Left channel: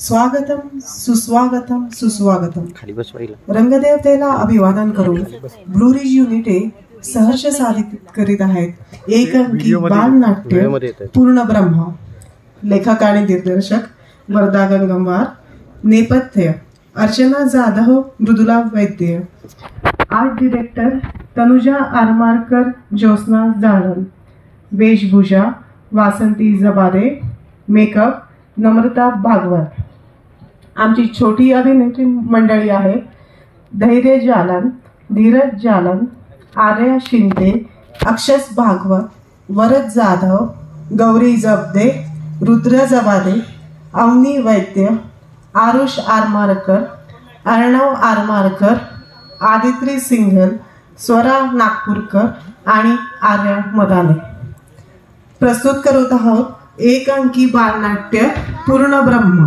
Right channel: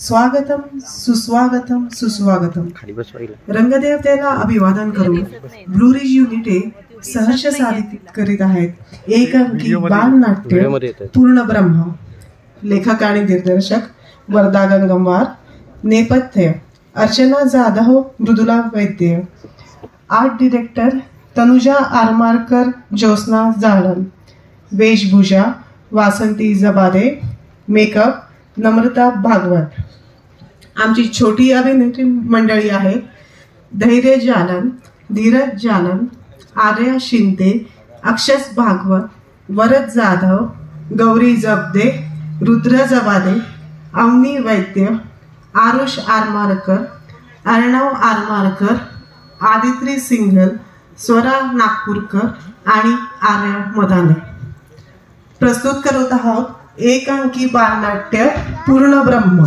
स्वागतम सुस्वागतम सुस्वागतम. रंगदेवतेला अभिवादन करून ब्लू रिज युनिटे सहर्ष साधित करीत आहेत एक अंकी बालनाट्य पूर्ण ब्रह्म. लेखक आणि दिग्दर्शक वर्धा गंगमवार. नेपथ्य अर्चना जाधव, मृदुला वैद्य. Art director Tanuja Aramarkar, Jyotsna Jalam. वेशभूषा वासंती जबादे. मेकअप नम्रता भागवत. आमची छोटी अभिनेत्री मंडळी आहे धैर्य जालन, धीरज जालन, आर्या शिंदे, अक्षस भागवत, वरद जाधव, गौरी जबदे, रुद्र जबादे, अवनी वैद्य, आरुष आरमारकर, अर्णव आरमारकर, आदित्री सिंघल, स्वरा नागपूरकर आणि आर्या मदाने. प्रस्तुत करत आहोत एक अंकी बालनाट्य पूर्ण ब्रह्म.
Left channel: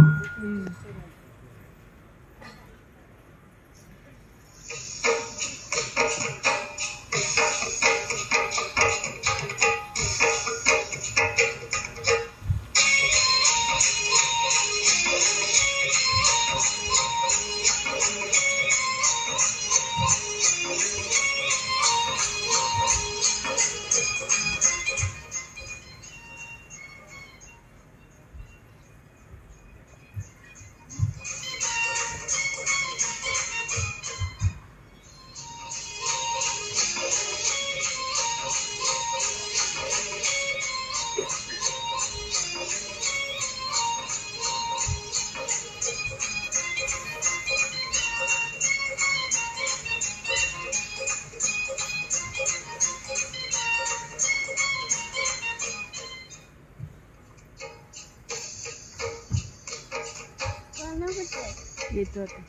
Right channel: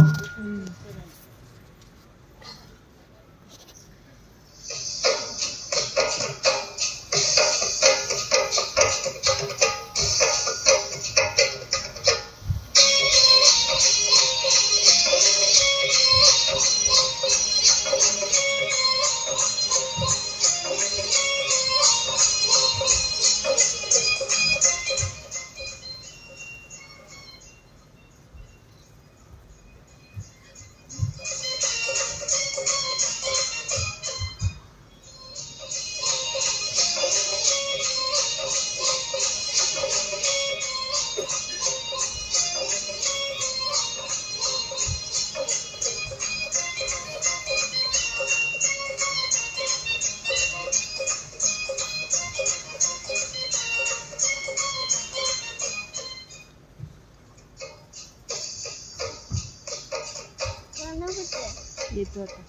येतो आता.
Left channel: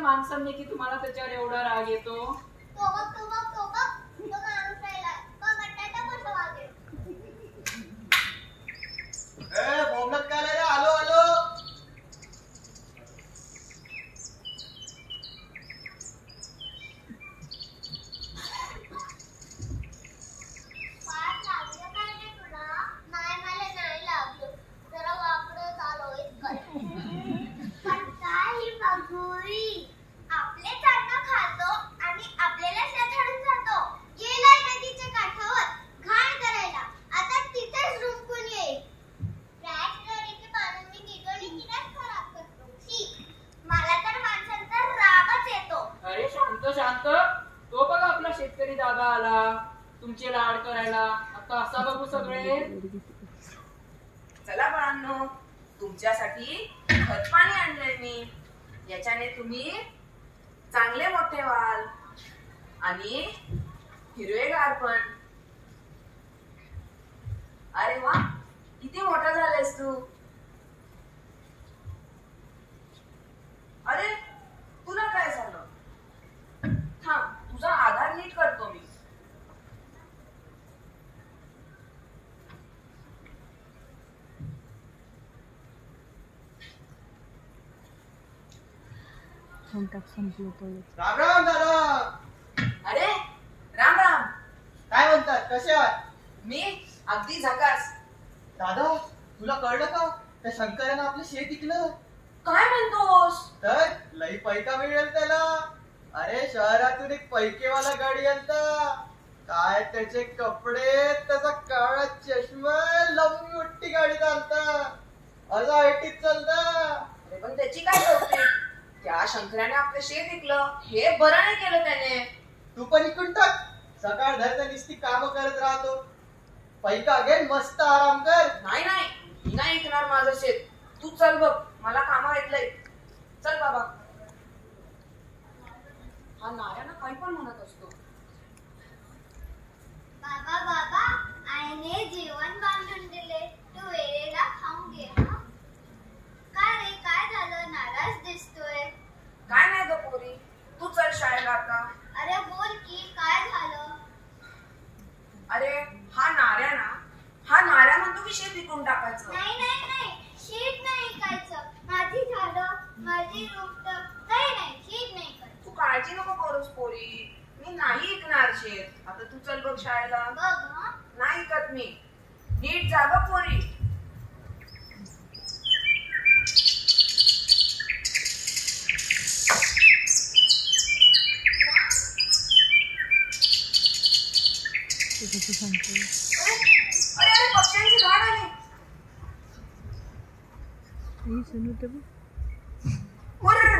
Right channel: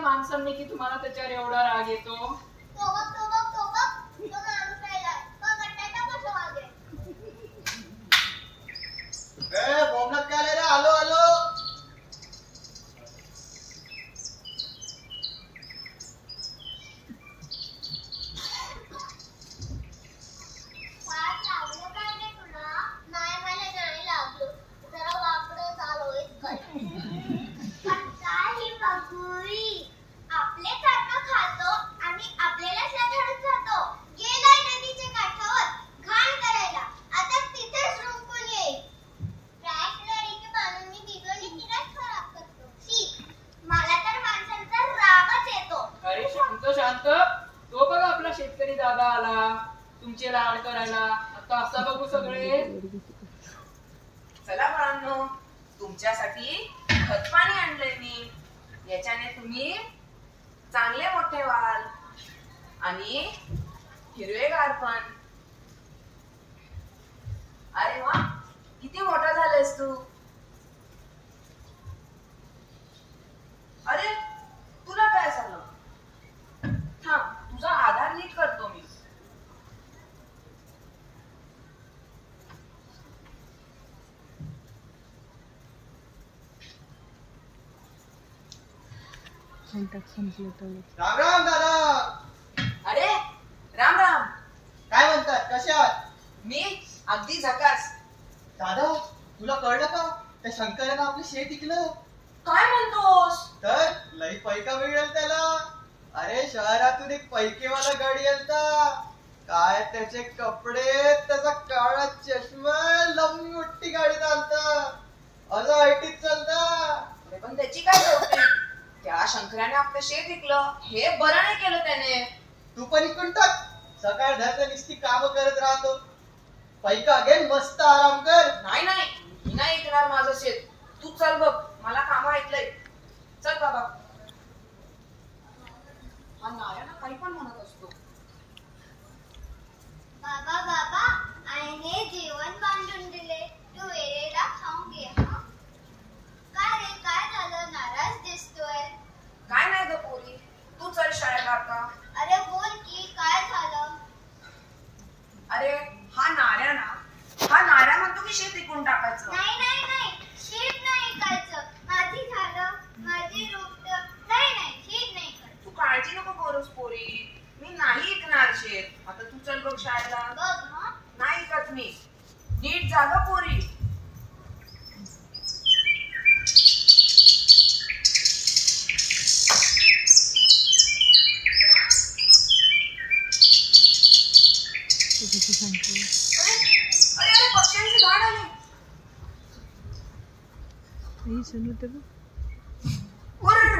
माणसांनी की तुम्हाला त्याच्यावर एवढा राग येतो. आलो आलो. शांत. तो बघा आपला शेतकरी दादा आला तुमचे लाड करायला. आता असा बघू सगळे. चला बाळांनो, तुमच्यासाठी खत पाणी आणलंय मी. याच्याने तुम्ही चांगले मोठे व्हाल आणि हिरवेगार पण. अरे वा, किती मोठा झालायस तू. अरे तुला काय झालं? तुझा आधार नीट करतो मी. राम राम दादा. अरे राम राम. काय म्हणतात, कसे आहात? मी अगदी झकास. दादा तुला कळलं का, त्या शंकरानं आपलं शेत विकलं. काय म्हणतोस? तर लई पैका मिळेल त्याला. अरे शहरातून एक पैकेवाला गाडी आलता. काय त्याचे कपडे, त्याचा काळा चष्मा, लंबी मोठी गाडी चालता, असा आयटीत चालता. अरे पण त्याची काय कौतुक? त्या शंकराने आपलं शेत विकलं, हे बरं नाही केलं त्याने. तू पण इकून टाक. सकाळ धरता नुसती काम करत राहतो. पैका घे, मस्त आराम कर. नाही नाही, मी नाही विकणार माझं शेत. तू चल बघ, मला काम ऐकलंय. चल बाबा. हा नाऱ्याना काही पण म्हणत असतो. बाबा बाबा, आईने जेवण बांधून दिले, तू वेळेला खाऊन घे. हा काय रे, काय झालं? नाराज दिसतोय. काय नाही ग पोरी, तू चल शाळेला आता. अरे बोल की, काय झालं? अरे हा नाऱ्या म्हणतो की शेत विकून टाकायचं. नाही नाही नाही, शीट नाही ऐकायचं. माझी झाडं, माझी रोपट. नाही नाही, शीट नाही करायचं. तू काळजी नको करूस पोरी, मी नाही ऐकणार शेत. आता तू चल बघ शाळेला. बघ हा. नाही ऐकत मी. नीट जागा पोरी. अरे अरे पक्ष्यांची झाड आली. उर्र,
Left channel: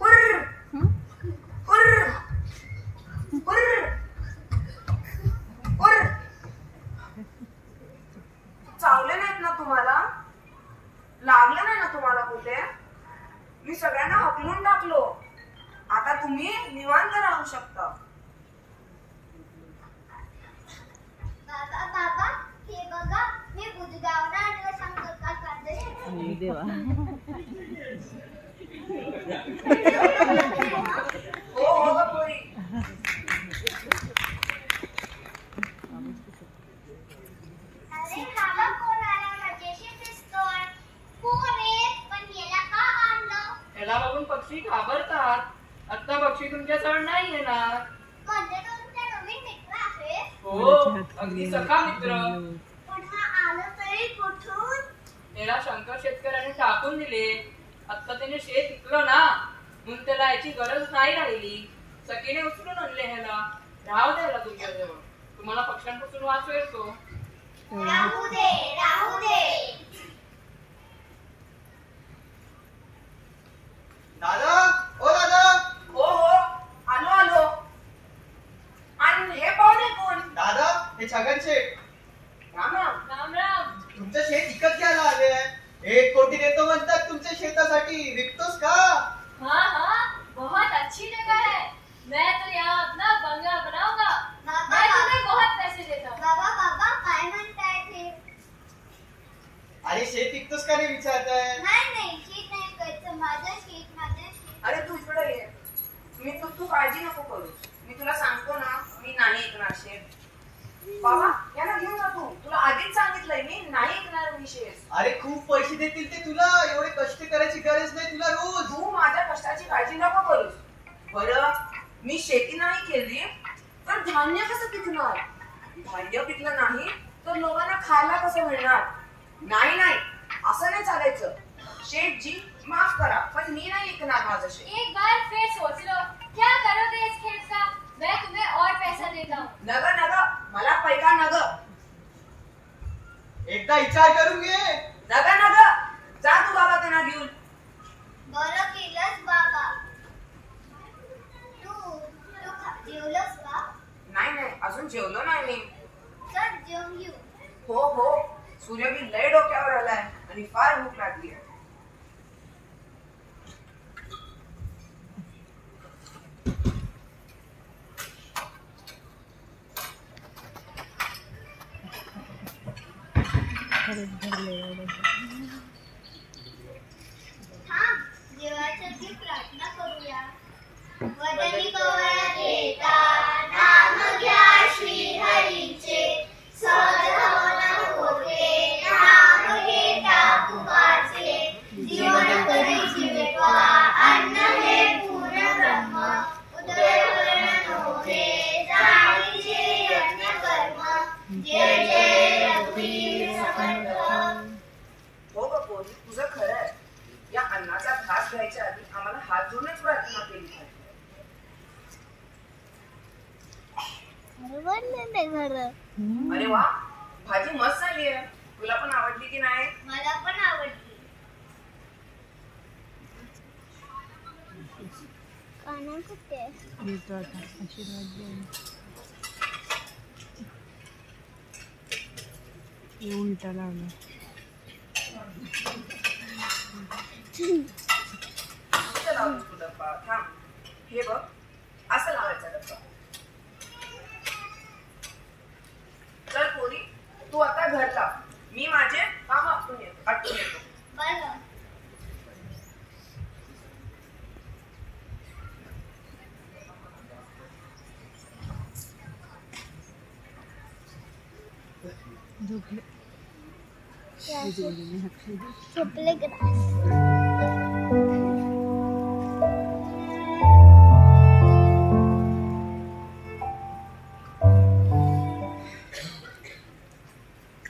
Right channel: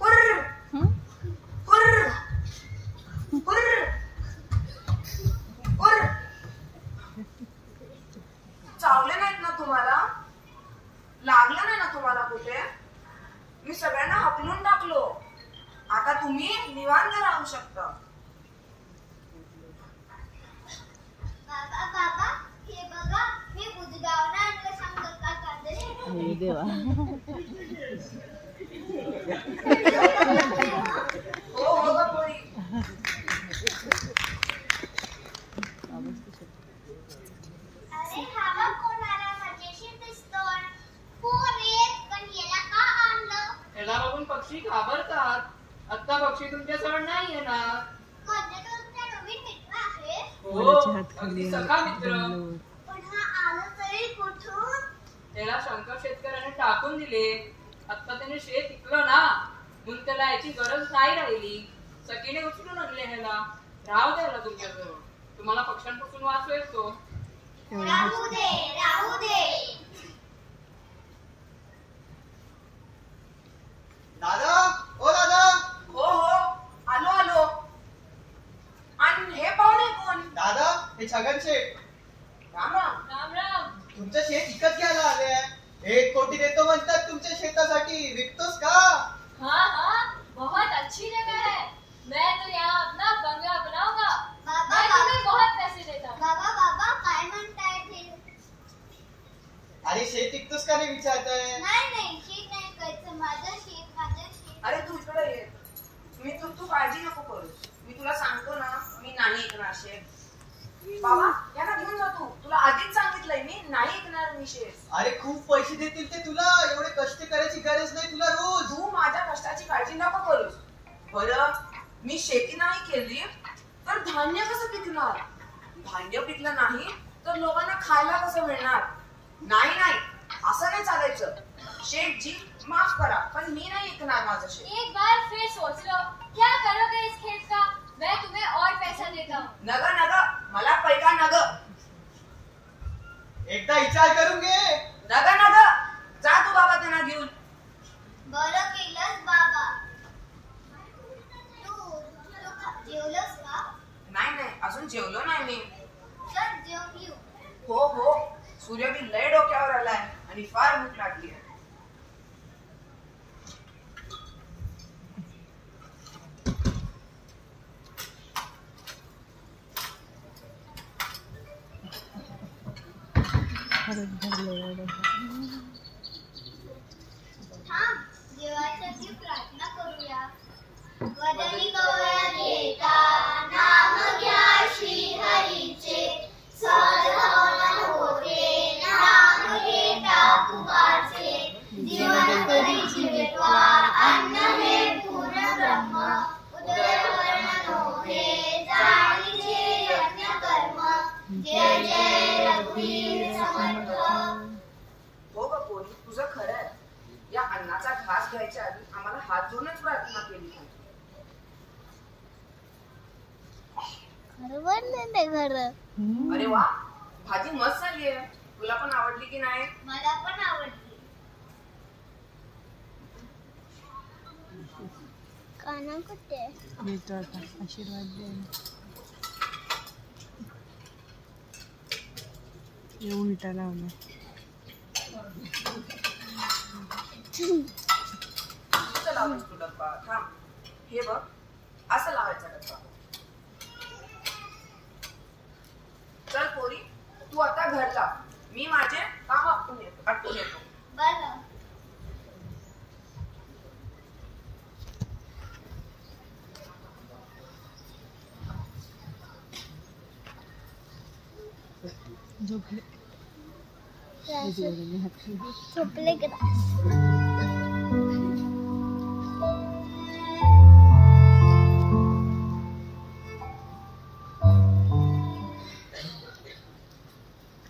उर्र, उर्र, उर्र, उर्र. चावले नाहीत ना तुम्हाला? लागलं नाही ना तुम्हाला कुठे? मी सगळ्यांना हकलून टाकलो. आता तुम्ही निवांत राहू शकता. बाबा बाबा, हे बघा, मी बुधगावला आणलं शंकर काकांचं. देवा. हो हो ग पोरी. अरे हा बघ, कोण आला? मजेशीर दिसतोय. कोण आहे? पण याला का आणलं? त्याला बघून पक्षी घाबरतात. आता पक्षी तुमच्या सण नाही येणार. म्हणजे तुमचा नवीन मित्र आहे? हो, अगदी सखा मित्र. पण हा आलं तरी कुठून? त्याला शंकर शेतकऱ्याने टाकून दिले. आता त्याने शेत विकलं ना, म्हणून त्याला याची गरज नाही राहिली. सखीने उचलून आणले ह्याला. राहू द्यायला तुमच्याजवळ. तुम्हाला पक्ष्यांपासून वाचवेल तो. राहू दे, राहू दे. दादा, ओ दादा. हो हो, आलो आलो. आणि हे पाहुणे कोण? दादा, हे छगन शेठ. राम राम. राम राम. तुमचं शेत विकत घ्यायला आले. 1 कोटी देतो म्हणतात तुमच्या शेतासाठी. विकतोस का? हाँ हाँ, बहुत अच्छी जगह है. मैं तो यहाँ अपना बंगला बनाऊंगा. बाबा मैं तुम्हें बहुत पैसे देता हूँ. बाबा बाबा, काय म्हणताय ते? अरे शेत विकतोस का नाही विचारताय? नाही नाही, शीट नाही करायचं. माझं शीट, माझं शीट. अरे तू इकडे ये. तू काळजी नको करू. मी तुला सांगतो ना, मी नाही ऐकणार शेत. बाबा यांना घेऊन जा तू. तुला आधीच सांगितलंय मी नाही ऐकणार मी शेत. अरे खूप पैसे देतील ते तुला. एवढे कष्ट करायची गरज नाही तुला रोज. तू माझ्या कष्टाची काळजी नको करूस. बरं, मी शेती नाही केली तर धान्य कसं पिकणार? धान्य पिकलं नाही तर लोकांना खायला कसं मिळणार? नाही नाही, असं नाही चालायचं. शेठ जी माफ करा, पण मी नाही ऐकणार माझं शेत. एक बार फिर सोच लो, क्या करोगे इस खेत का? मैं तुम्हें और पैसा देता हूँ. नग नग, मला पैका नग. एकदा विचार करून घे. नग नग, जा तू बाबा त्यांना घेऊन. बरं केलंस बाबा. तू जेवलंस का? नाही नाही, अजून जेवलो नाही मी. चल जेवून घेऊ. हो हो, सूर्य बी लय डोक्यावर आलाय आणि फार भूक लागली आहे. थांब, देवासाठी प्रार्थना करूया. वदनी कवया घेता नाम घ्या श्री हरीचे. सहज होते नाम घेता तुपाचे. जीवन करी जीवित्वा अन्न हे पूर्ण ब्रह्म. उदरवर्ण नोहे जाणीचे यज्ञ कर्म. जय जय रघुवीर समर्थ. पोरी, तुझं खरं आहे. या अन्नाचा घास घ्यायच्या आधी आम्हाला हात जोडूनच प्रार्थना केली पाहिजे. अरे वा, भाजी मस्त झाली आहे. तुला पण आवडली की नाही? मला पण आवडली. काना कुठे येतो आता आशीर्वाद द्यायला. हे उलटा लावला. कुठं लावलीस तू डब्बा? थांब, हे बघ, असं लावायचा डब्बा. चल पोरी, तू आता घर जा. मी माझे काम आटपून येतो. बरं. झोपले झोपले का?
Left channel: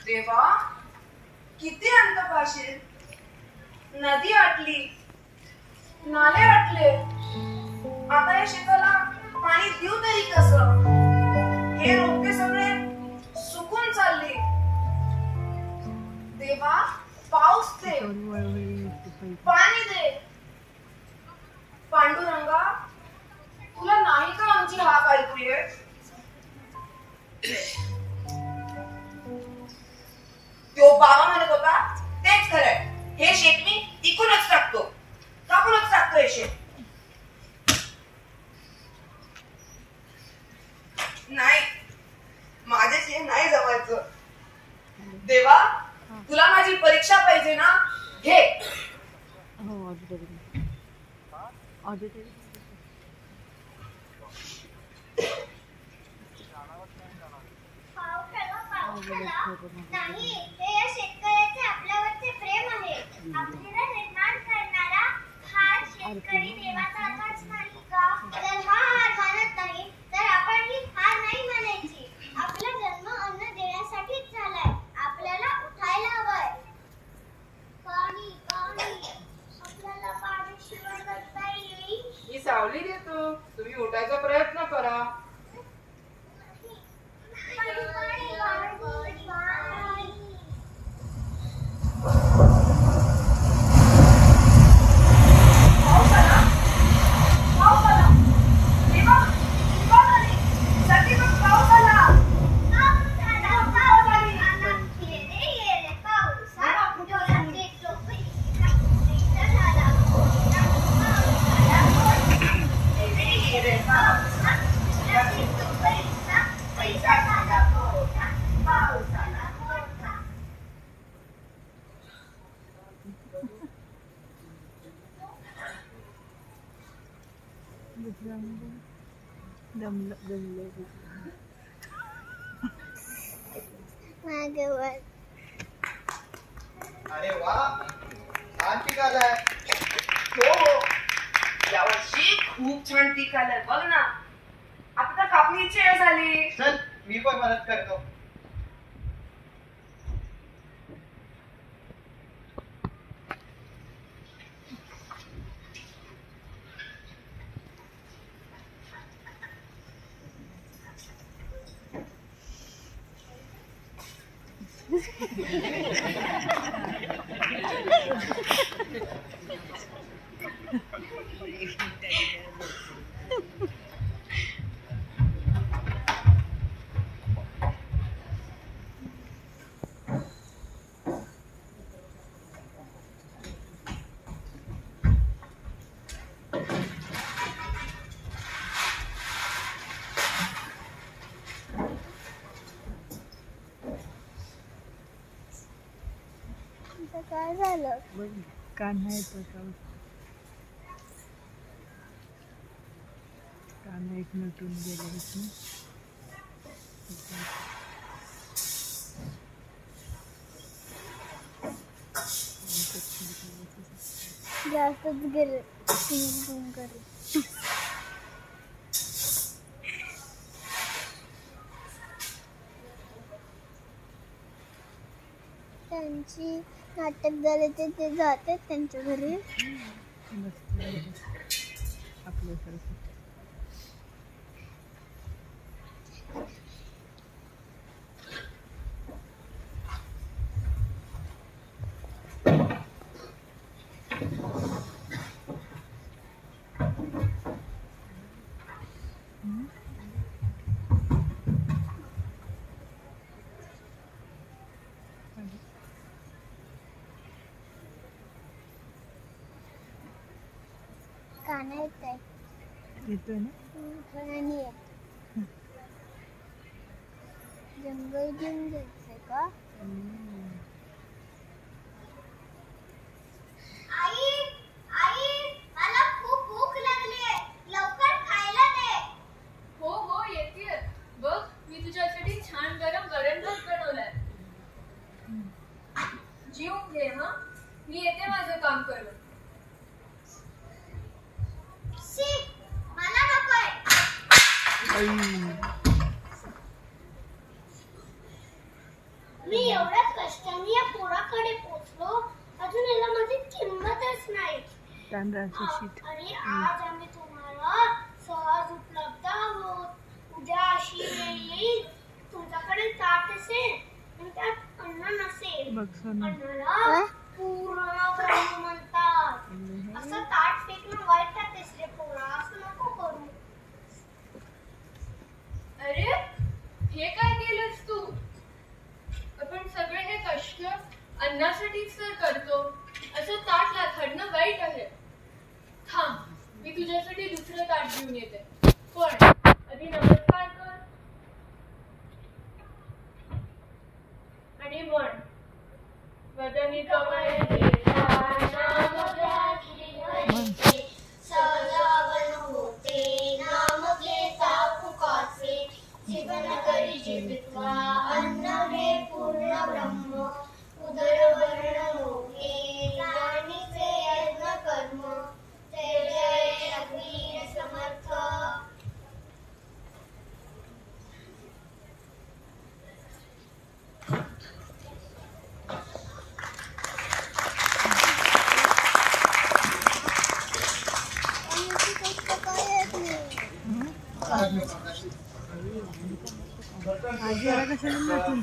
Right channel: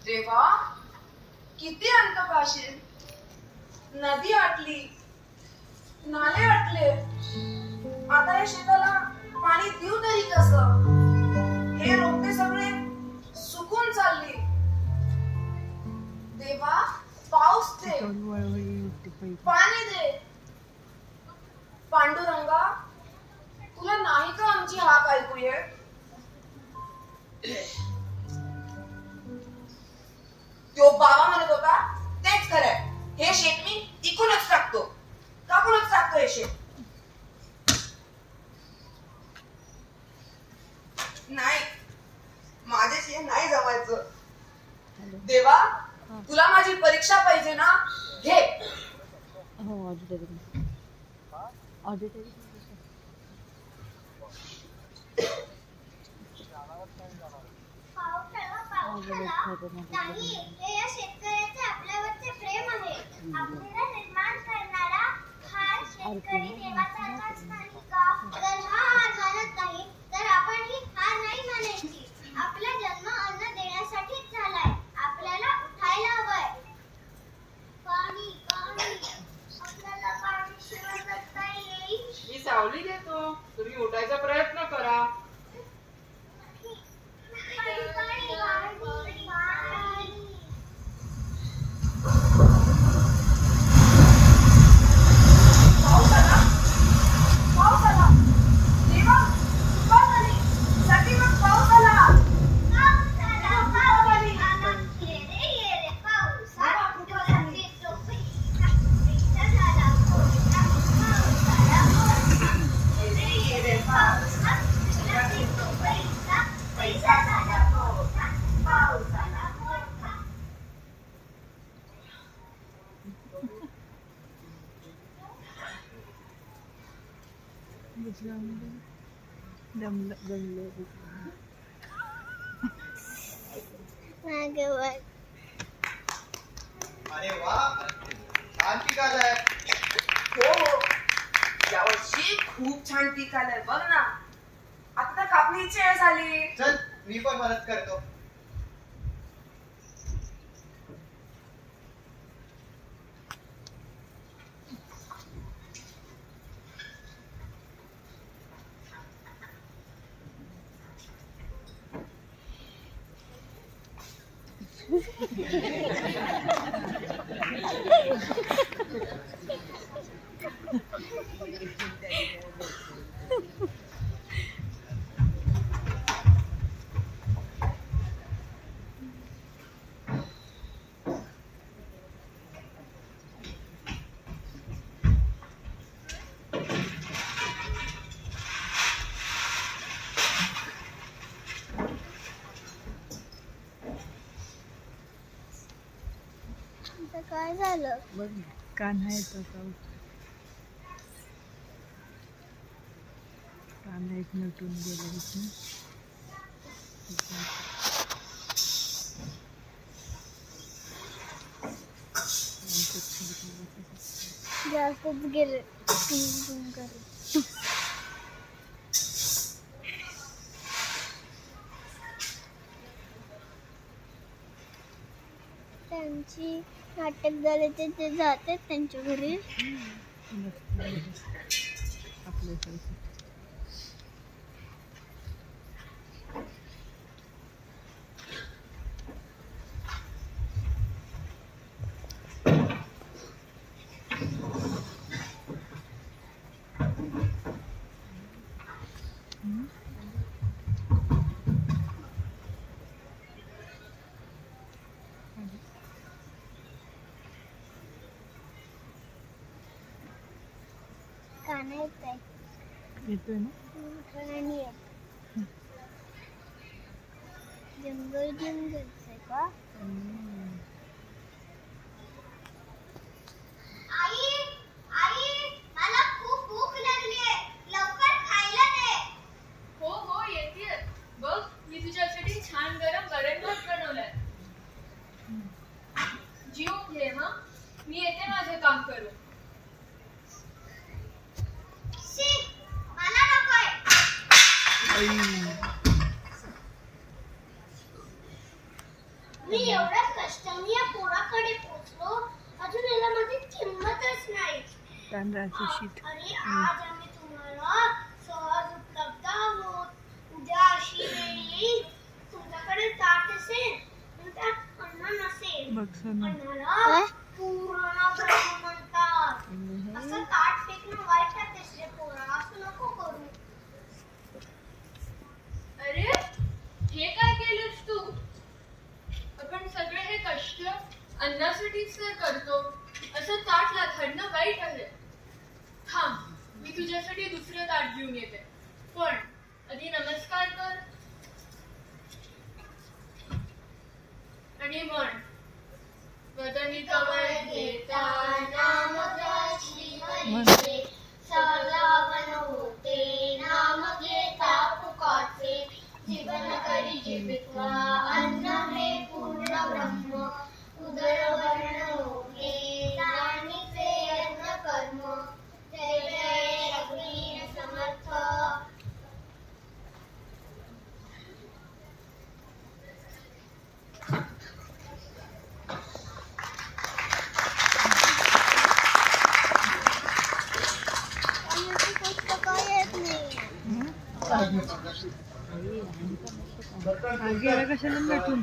देवा, किती अंत पाशील. नदी आटली, नाले आटले. आता या शेताला पाणी देऊ तरी कसं? हे रोपटे सगळे सुकून चालले. देवा, पाऊस दे, पाणी दे. पांडुरंगा, तुला नाही का आमची हाक ऐकू येत? तो बाबा म्हणत होता तेच खरंय. हे शेत मी इकूनच टाकतो. टाकूनच टाकतो हे शेत. नाही, माझ्याशी नाही जमायचं. देवा, तुला माझी परीक्षा पाहिजे ना? घे. नाही, हे या शेतकऱ्याचे आपल्यावरचे प्रेम आहे. आपल्याला निर्माण करणारा हा शेतकरी देवाचा आकाश नाही का? जर हा हार मानत नाही तर आपण ही हार नाही मानायची. आपला जन्म अन्न देण्यासाठीच झालाय. आपल्याला उठायला हवंय. पाणी पाणी, आपल्याला पाण्याशिवाय जगता येईल? मी सावली देतो, तुम्ही उठायचा प्रयत्न करा. पाणी पाणी पाणी पाणी. पाऊस आला, पाऊस आला. देवा, कृपा झाली. सगळी मग पाऊस आला. पाऊस आला, पाऊस आला. ये रे पाऊस आला. डोळ्याचे टोपीचा पैसा झाला कोणीचा. पाऊस आला कोणीचा. ये रे पाऊस आला. डोळ्याचे टोपीचा पैसा झाला कोणीचा. पाऊस आला कोणीचा. मागवर. अरे वा, छान पिकालाय. हो हो, यावर्षी खूप छान पीक आलंय बघ ना. आता तर कापणीची वेळ झाली. चल, मी पण मदत करतो. काय झालं? कान्हा येतो का? कान्हा एक नटून गेला इथून. जास्तच गेले. त्यांची नाटक झाले ते जातात त्यांच्या घरी. आपल्यासारखं गाणं येत आहे. येतोय ना. गाणी येत. जंगल जंगलचं का? आई आई मला खूप भूक लागली, लवकर खायला दे. हो हो येते. बघ मी तुझ्यासाठी छान गरम वरण भात बनवलाय. जेवून घे. हा मी येते माझं काम करून. मला नकोय. मी एवढ्या कष्टाने या पोराकडे पोहोचलो, अजून याला माझी किंमतच नाही. तांदळाचं शीत. अरे आज आम्ही तुम्हाला सहज उपलब्ध आहोत. उद्या अशी वेळ येईल तुमच्याकडे ताट असेल आणि त्यात अन्न नसेल. बघ सोना. अन्नाला पूर्ण ब्रह्म म्हणतात. असं ताट फेकणं वाईट आहे रे पोरा, असं नको करू. अरे हे काय केलंस तू? आपण सगळे हे कष्ट अन्नासाठीच तर करतो. असं ताट लाथडणं वाईट आहे. थांब मी तुझ्यासाठी दुसरं ताट घेऊन येते. पण आधी नमस्कार कर आणि म्हण वदनी कवय देता नाम श्री हरी सजावन होते नाम घेता फुकाचे जीवन करी जीवित्वा अन्न हे पूर्ण ब्रह्म उदर वर्ण होते जाणीचे यज्ञ कर्म जय जय रघुवीर समर्थ. आजी आला कशाला नटून.